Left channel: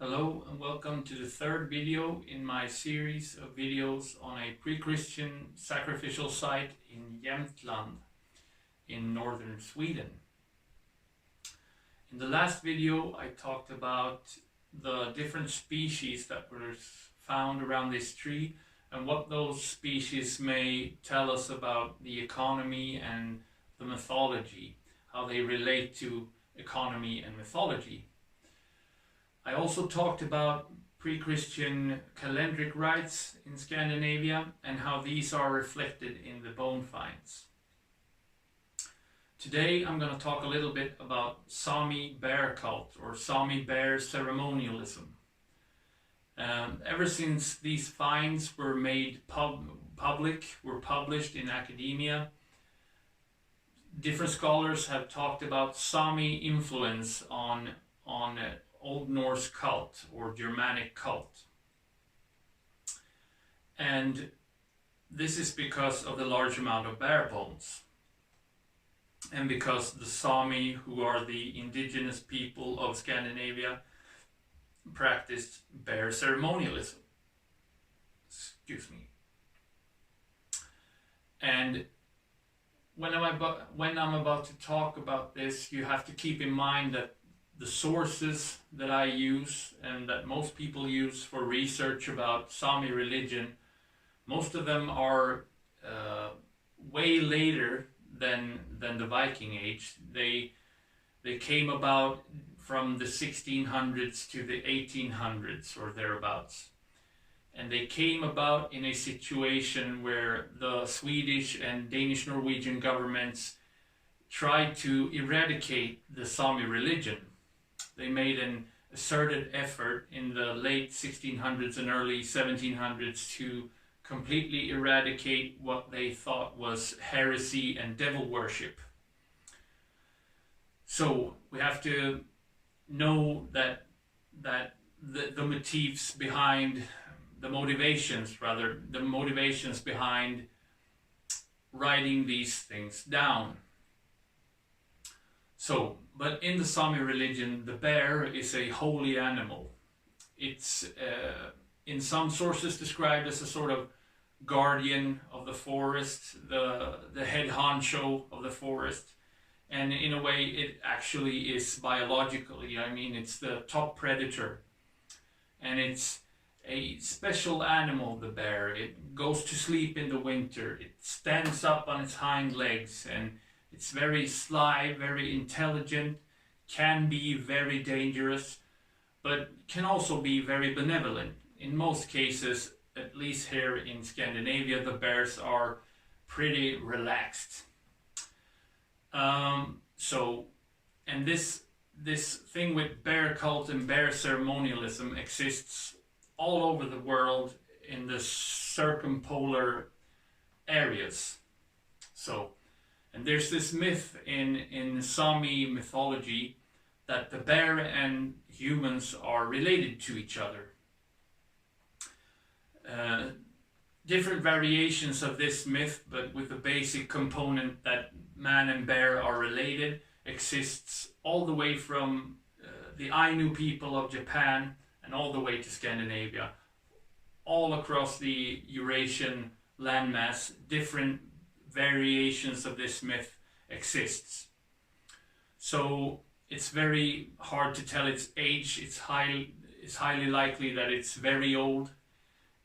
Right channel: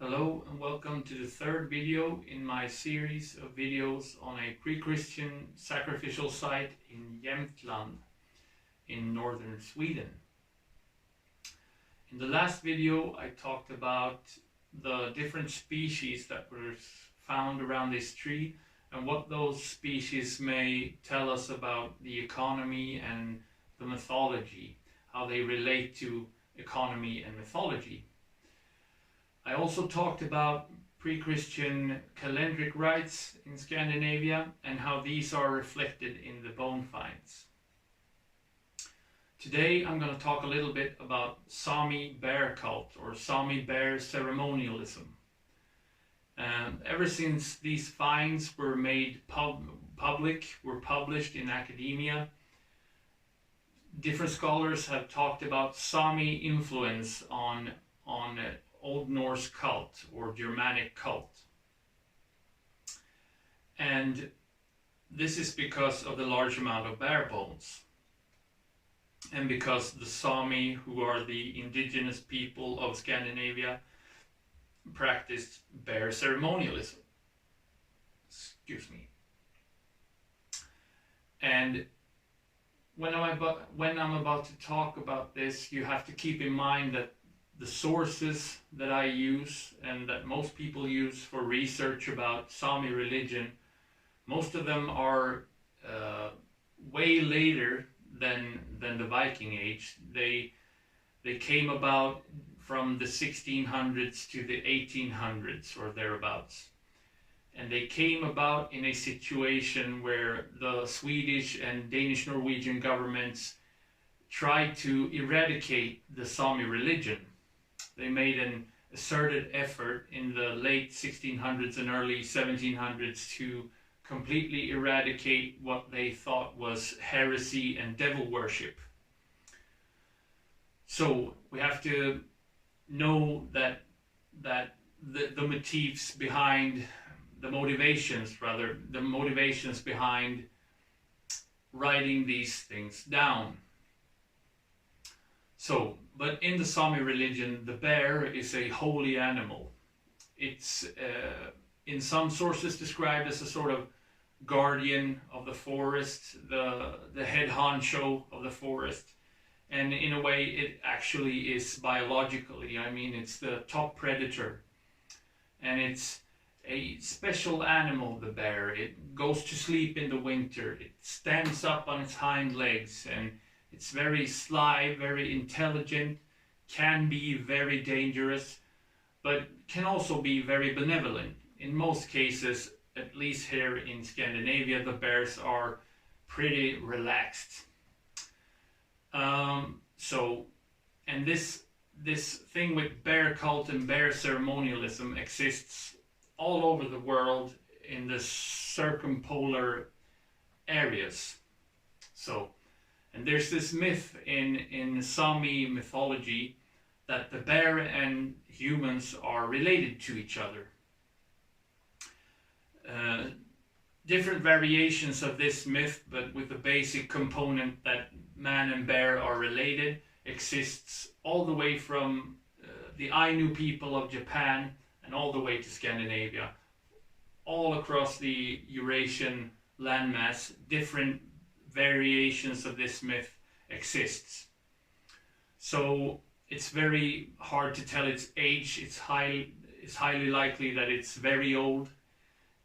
Hello and welcome to the third video in my series of videos on a pre-Christian sacrificial site in Jämtland in northern Sweden. In the last video I talked about the different species that were found around this tree and what those species may tell us about the economy and the mythology, how they relate to economy and mythology. I also talked about pre-Christian calendric rites in Scandinavia and how these are reflected in the bone finds. Today I'm going to talk a little bit about Sami bear cult or Sami bear ceremonialism. Ever since these finds were made published in academia, different scholars have talked about Sami influence on Old Norse cult or Germanic cult. And this is because of the large amount of bear bones. And because the Sami, who are the indigenous people of Scandinavia, practiced bear ceremonialism. Excuse me. And when I'm about to talk about this, you have to keep in mind that the sources that I use and that most people use for research about Sami religion, most of them are way later than the Viking Age. They came about from the 1600s to the 1800s or thereabouts. And they came about in a situation where the Swedish and Danish Norwegian governments tried to eradicate the Sami religion. They made an asserted effort in the late 1600s and early 1700s to completely eradicate what they thought was heresy and devil worship. So we have to know that the motives behind the motivations behind writing these things down. So, but in the Sami religion, the bear is a holy animal. It's in some sources described as a sort of guardian of the forest, the head honcho of the forest. And in a way, it actually is biologically. I mean, it's the top predator. And it's a special animal, the bear. It goes to sleep in the winter. It stands up on its hind legs, and it's very sly, very intelligent, can be very dangerous, but can also be very benevolent. In most cases, at least here in Scandinavia, the bears are pretty relaxed. And this thing with bear cult and bear ceremonialism exists all over the world in the circumpolar areas. And there's this myth in Sami mythology that the bear and humans are related to each other. Different variations of this myth, but with the basic component that man and bear are related, exists all the way from the Ainu people of Japan and all the way to Scandinavia. All across the Eurasian landmass, different variations of this myth exists. So it's very hard to tell its age. It's highly likely that it's very old,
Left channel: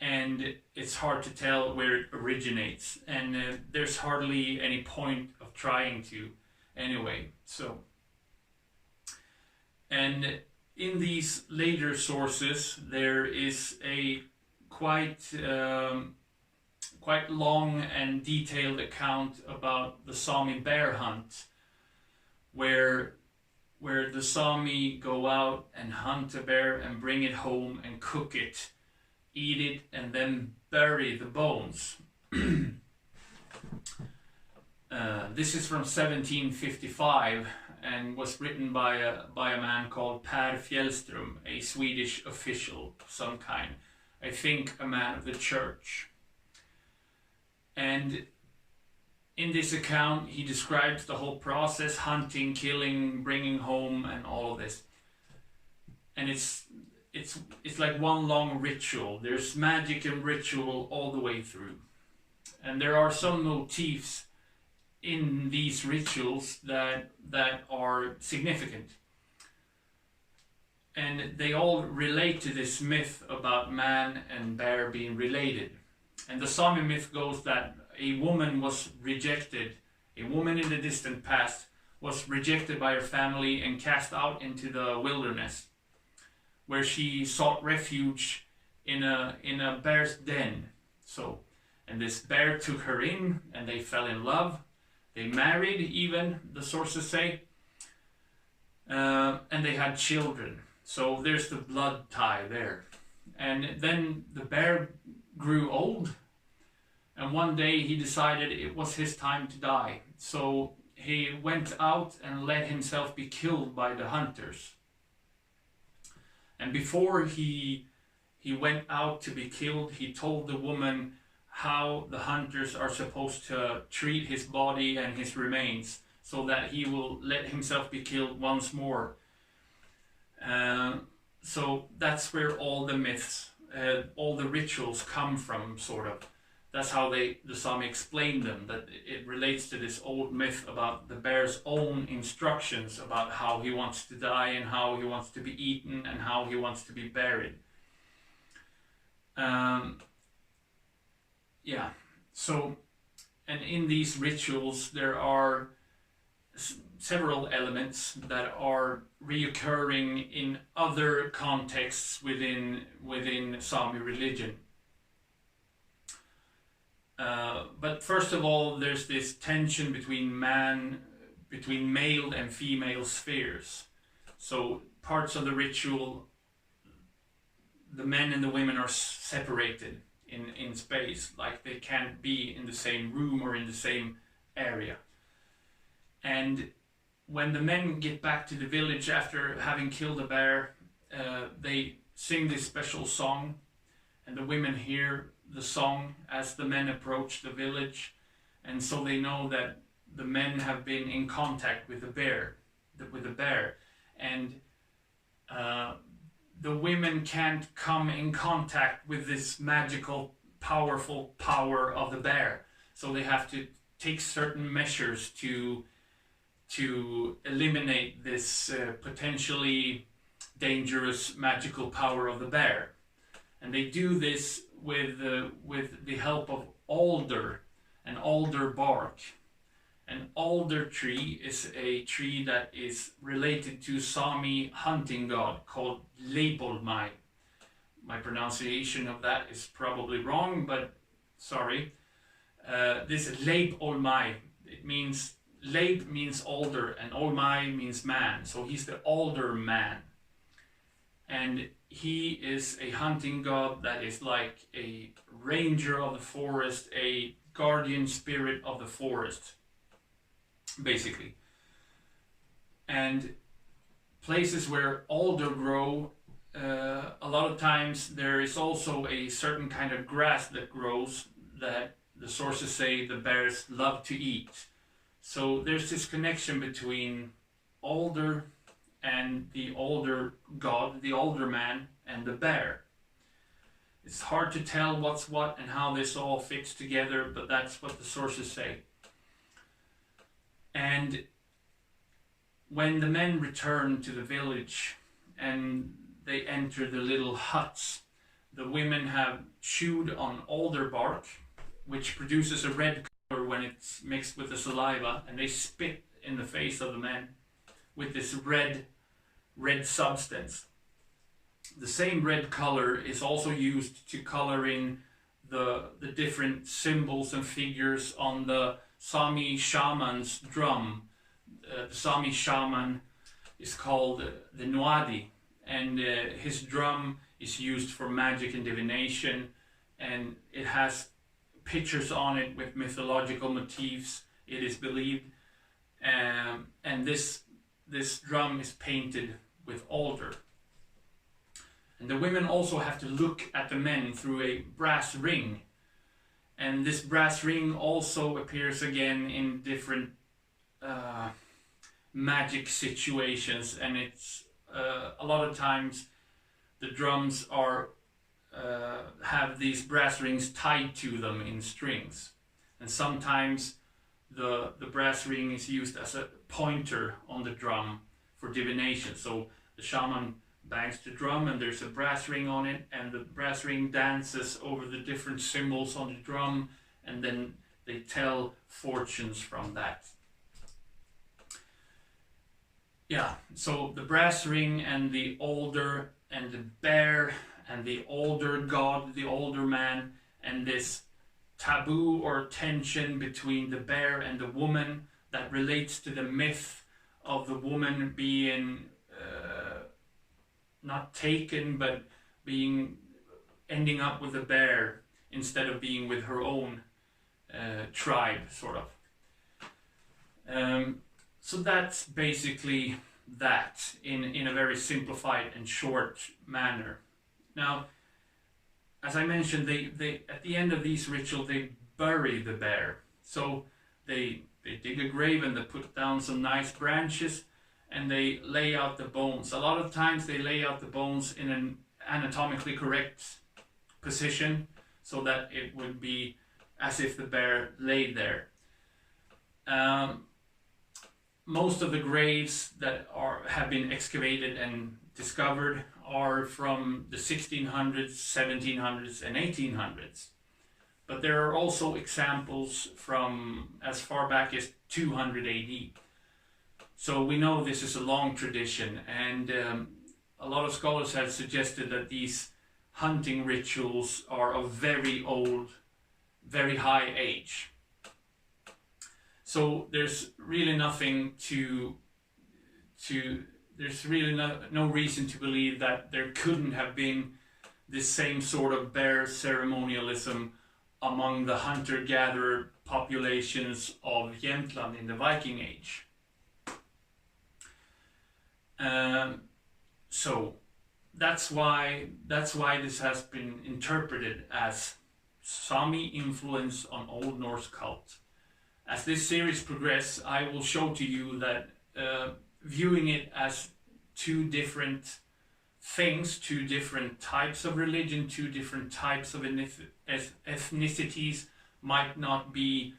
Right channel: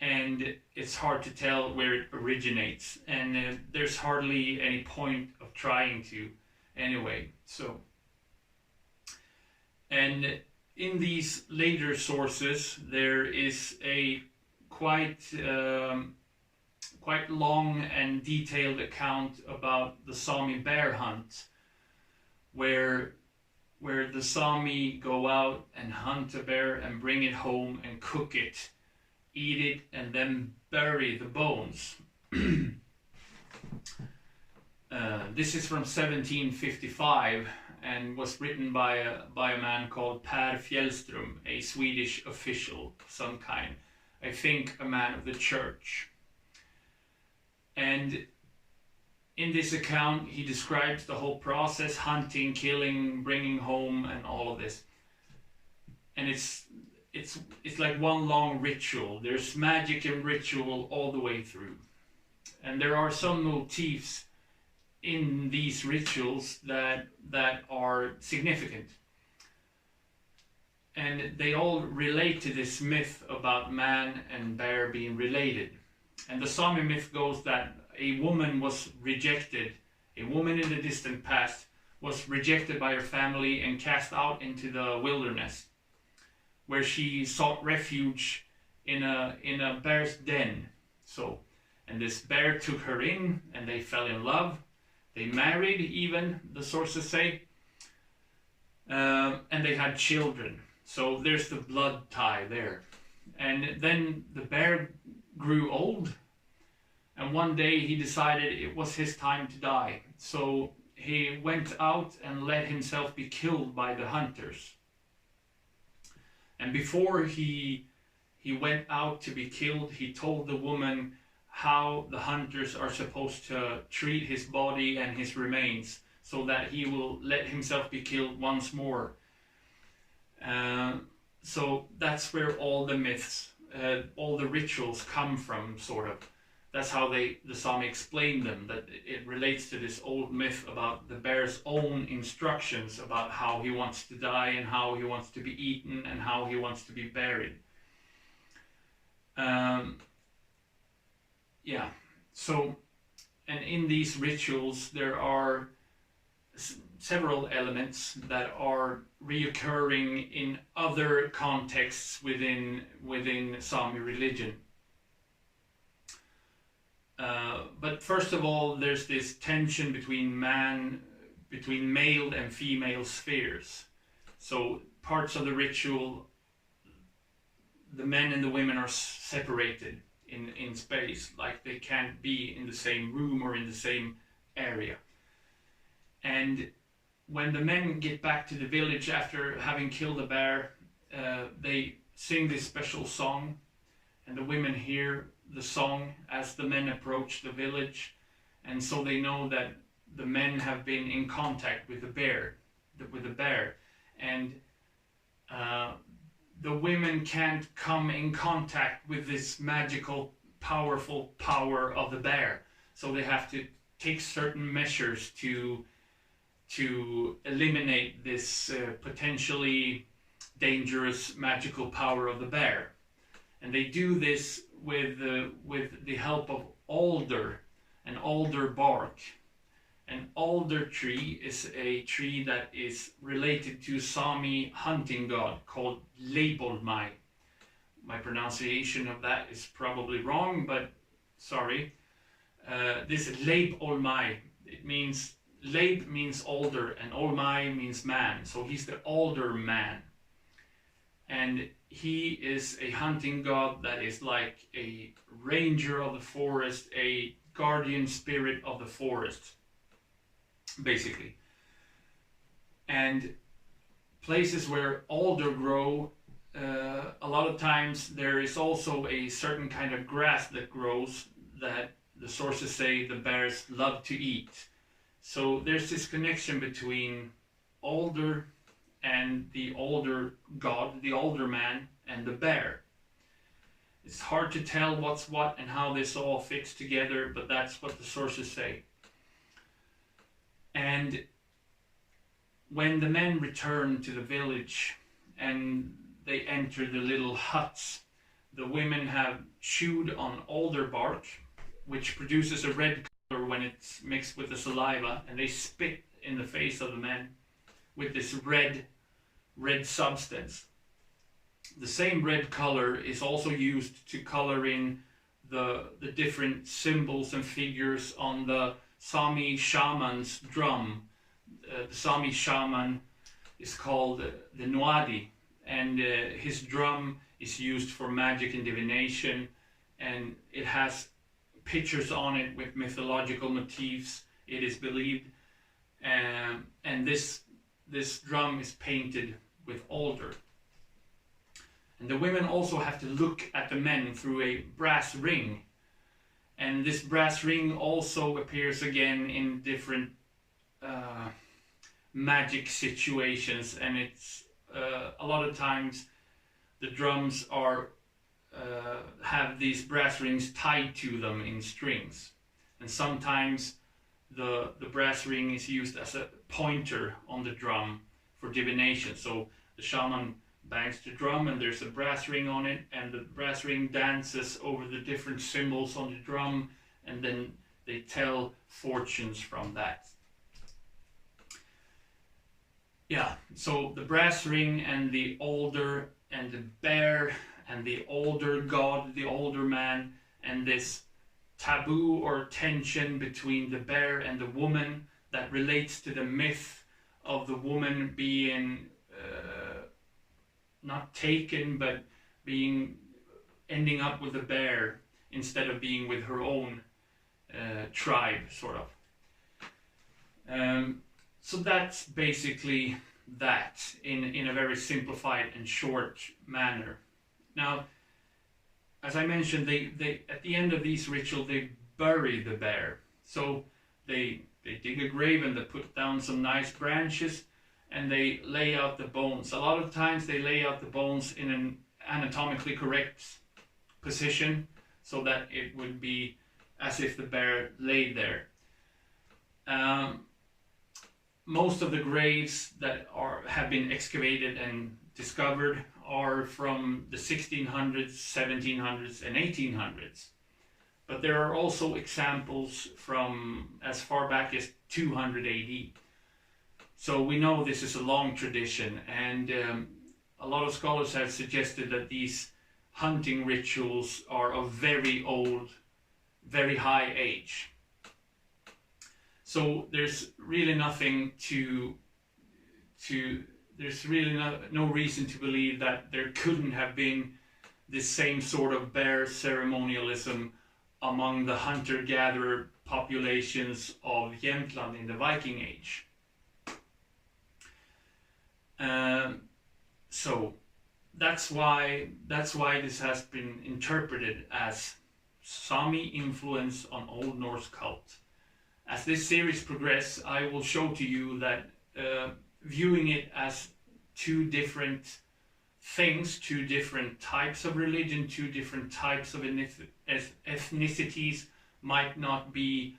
and it's hard to tell where it originates, and there's hardly any point of trying to anyway. And in these later sources there is a quite long and detailed account about the Sami bear hunt, where the Sami go out and hunt a bear and bring it home and cook it, eat it, and then bury the bones. This is from 1755 and was written by a man called Pehr Fjellström, a Swedish official of some kind. I think a man of the church. And in this account he describes the whole process: hunting, killing, bringing home, and all of this. And it's it's like one long ritual. There's magic and ritual all the way through, and there are some motifs in these rituals that are significant, and they all relate to this myth about man and bear being related. And the Sami myth goes that a woman was rejected, a woman in the distant past was rejected by her family and cast out into the wilderness, where she sought refuge in a bear's den. So, and this bear took her in, and they fell in love. They married, even the sources say, and they had children. So there's the blood tie there. And then the bear grew old, and one day he decided it was his time to die. So he went out and let himself be killed by the hunters. And before he went out to be killed, he told the woman how the hunters are supposed to treat his body and his remains, so that he will let himself be killed once more. So that's where all the myths, all the rituals come from, sort of. That's how the Sami explain them, that it relates to this old myth about the bear's own instructions about how he wants to die and how he wants to be eaten and how he wants to be buried. Yeah, so, and in these rituals there are several elements that are reoccurring in other contexts within Sami religion. But first of all, there's this tension between male and female spheres. So parts of the ritual, the men and the women are separated in space, like they can't be in the same room or in the same area. And when the men get back to the village after having killed a bear, they sing this special song, and the women hear the song as the men approach the village, and so they know that the men have been in contact with the bear, and the women can't come in contact with this magical, powerful power of the bear, so they have to take certain measures to eliminate this potentially dangerous magical power of the bear. And they do this with the help of alder and alder bark. An alder tree is a tree that is related to Sami hunting god called Leipolmai. My pronunciation of that is probably wrong, but sorry. This Leipolmai, it means, Leip means alder and Olmai means man, so he's the alder man. And he is a hunting god that is like a ranger of the forest, a guardian spirit of the forest, basically. And places where alder grow, a lot of times there is also a certain kind of grass that grows that the sources say the bears love to eat. So there's this connection between alder and the alder god, the alder man, and the bear. It's hard to tell what's what and how this all fits together, but that's what the sources say. And when the men return to the village and they enter the little huts, the women have chewed on alder bark, which produces a red color when it's mixed with the saliva, and they spit in the face of the men with this red substance. The same red color is also used to color in the different symbols and figures on the Sami shaman's drum. The Sami shaman is called the Nuadi, and his drum is used for magic and divination, and it has pictures on it with mythological motifs, it is believed, and this drum is painted with alder. And the women also have to look at the men through a brass ring, and this brass ring also appears again in different magic situations, and it's a lot of times the drums are have these brass rings tied to them in strings, and sometimes the brass ring is used as a pointer on the drum for divination. So the shaman bangs the drum and there's a brass ring on it, and the brass ring dances over the different symbols on the drum, and then they tell fortunes from that. Yeah, so the brass ring and the older and the bear and the older god, the older man, and this taboo or tension between the bear and the woman that relates to the myth of the woman being not taken, but ending up with the bear instead of being with her own tribe, sort of. So that's basically that in a very simplified and short manner. Now, as I mentioned, they at the end of these rituals, they bury the bear. So they dig a grave and they put down some nice branches and they lay out the bones. A lot of times they lay out the bones in an anatomically correct position so that it would be as if the bear laid there. Most of the graves that have been excavated and discovered are from the 1600s, 1700s, and 1800s. But there are also examples from as far back as 200 AD. So we know this is a long tradition, and a lot of scholars have suggested that these hunting rituals are of very old, very high age. So there's really nothing there's really no reason to believe that there couldn't have been this same sort of bear ceremonialism among the hunter-gatherer populations of Jämtland in the Viking Age. So that's why this has been interpreted as Sami influence on Old Norse cult. As this series progresses, I will show to you that viewing it as two different things, two different types of religion, two different types of ethnicities might not be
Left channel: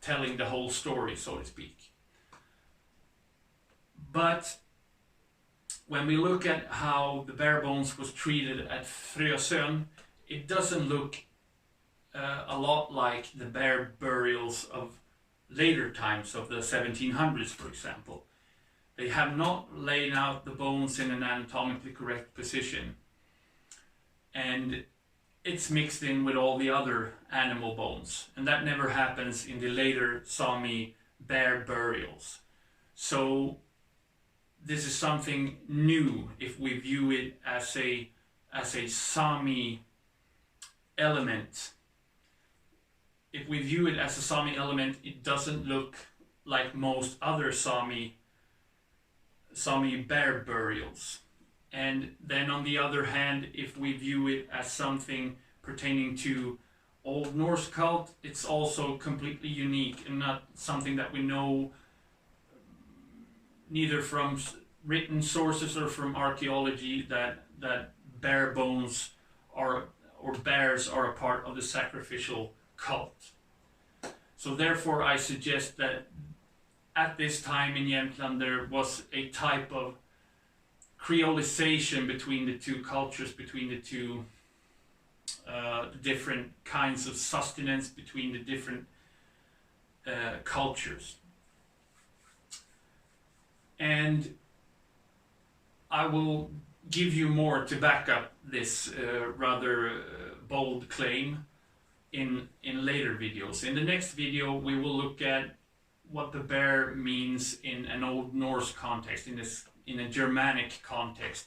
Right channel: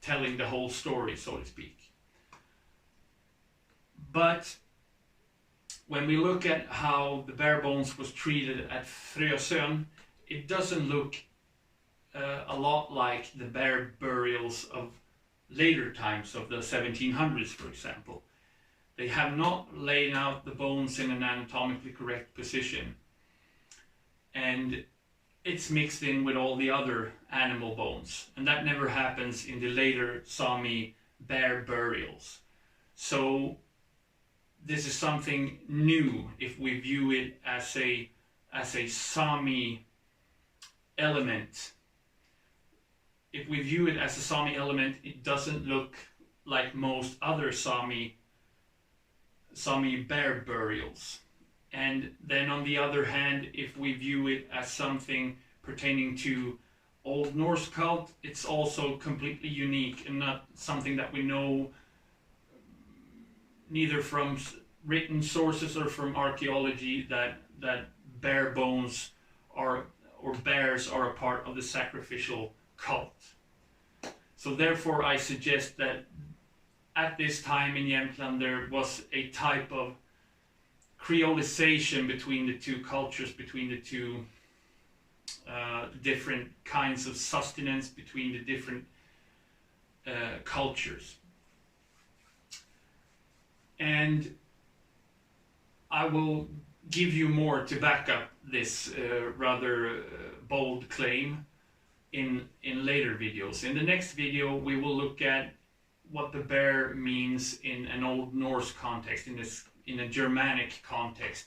telling the whole story, so to speak. But when we look at how the bare bones was treated at Frösön, it doesn't look a lot like the bear burials of later times of the 1700s, for example. They have not laid out the bones in an anatomically correct position, and it's mixed in with all the other animal bones, and that never happens in the later Sami bear burials. So this is something new if we view it as a Sami element. If we view it as a Sami element, it doesn't look like most other Sami bear burials. And then on the other hand, if we view it as something pertaining to Old Norse cult, it's also completely unique and not something that we know neither from written sources or from archaeology that bear bones or bears are a part of the sacrificial cult. So therefore I suggest that at this time in Jämtland there was a type of creolization between the two cultures, between the two different kinds of sustenance, between the different cultures. And I will give you more to back up this rather bold claim in later videos. In the next video we will look at what the bear means in an Old Norse context, in a Germanic context.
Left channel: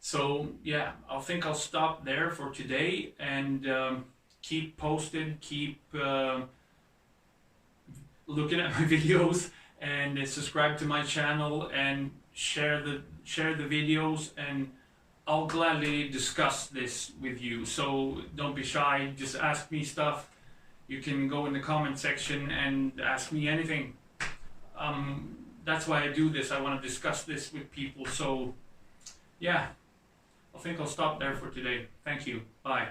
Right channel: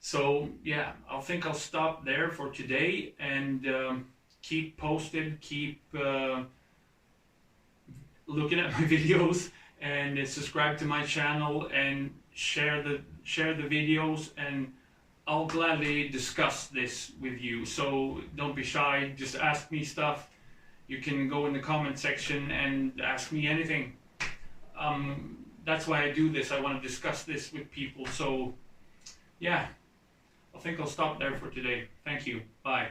So yeah, I think I'll stop there for today, and keep posted, keep looking at my videos, and subscribe to my channel and share the videos, and I'll gladly discuss this with you. So don't be shy, just ask me stuff. You can go in the comment section and ask me anything. I'm that's why I do this. I want to discuss this with people. So, yeah, I think I'll stop there for today. Thank you. Bye.